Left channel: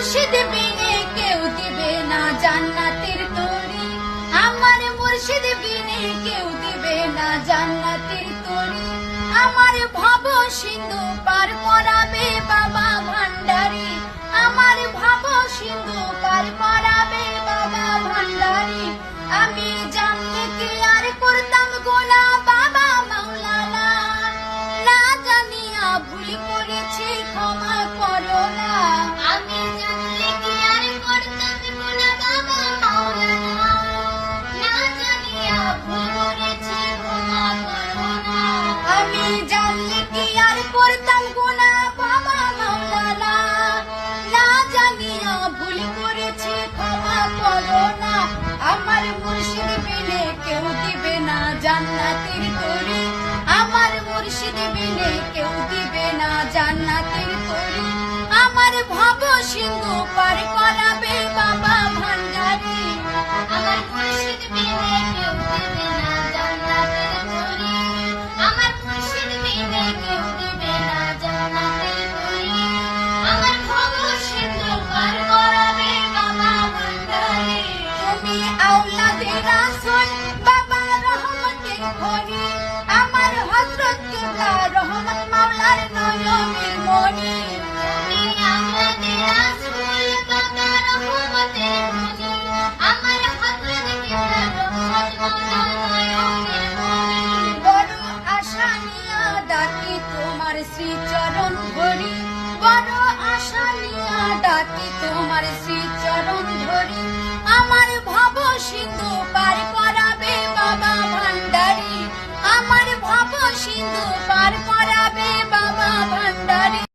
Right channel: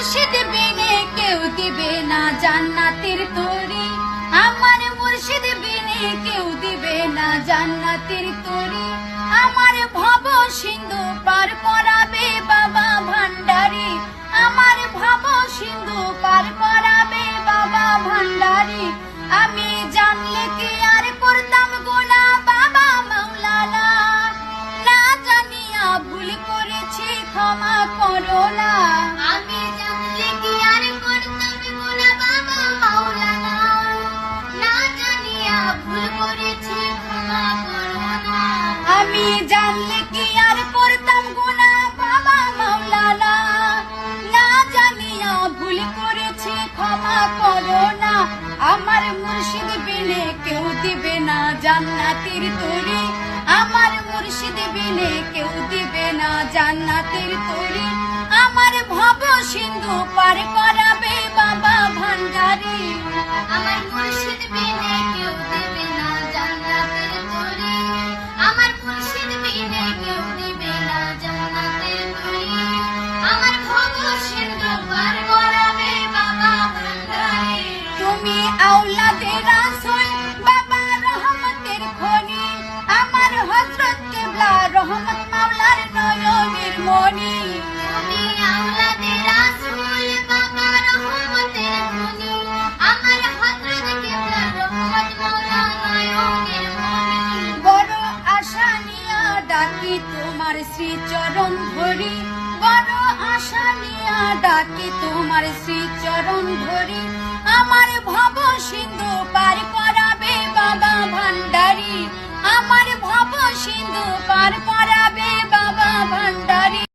মুর্শিদ বিনে কেউ দিবে না জান্নাতের তরি, আমার মুর্শিদ বিনে কেউ দিবে না জান্নাতের তরি। আমার ভব সিন্ধু পার করাবে বাবা ভান্ডারি, আমার ভব সিন্ধু পার করাবে বাবা ভান্ডারি। আমি জানলে কি আর করতাম গোনা বাবা মাওলানা, না জানিয়া ভুল করেছি ক্ষমা করো না। আমি জানলে কি আর করতাম গোনা বাবা মাওলানা, না জানিয়া ভুল করেছি ক্ষমা করো না। আমি জানলে কি আর করতাম গোনা বাবা মাওলানা, না জানিয়া ভুল করেছি ক্ষমা করো না। আমার মুর্শিদ বিনে কেউ দিবে না জান্নাতের তরি, আমার মুর্শিদ বিনে কেউ দিবে না জান্নাতের তরি। আমার ভব সিন্ধু পার করাবে বাবা ভান্ডারি, আমার মুর্শিদ বিনে কেউ দিবে না জান্নাতের তরি, আমার মুর্শিদ বিনে কেউ দিবে না জান্নাতের তরি। আমার ভব সিন্ধু পার করাবে বাবা ভান্ডারি। তুমি আওলাদে রাসূল বাবা রহমতের খনি, আমার হযরত কিবলা রহমত মাওলার নয়নের মনি। তুমি আওলাদে রাসূল বাবা রহমতের খনি, আমার হযরত কিবলা রহমত মাওলার নয়নের মনি। বড় আশা নিয়া ডাকি তোমার শ্রীচরণ ধরি, বড় আশা নিয়া ডাকি তোমার শ্রীচরণ ধরি। আমার ভব সিন্ধু পার করাবে বাবা ভান্ডারি, আমার ভব সিন্ধু পার করাবে বাবা ভান্ডারি।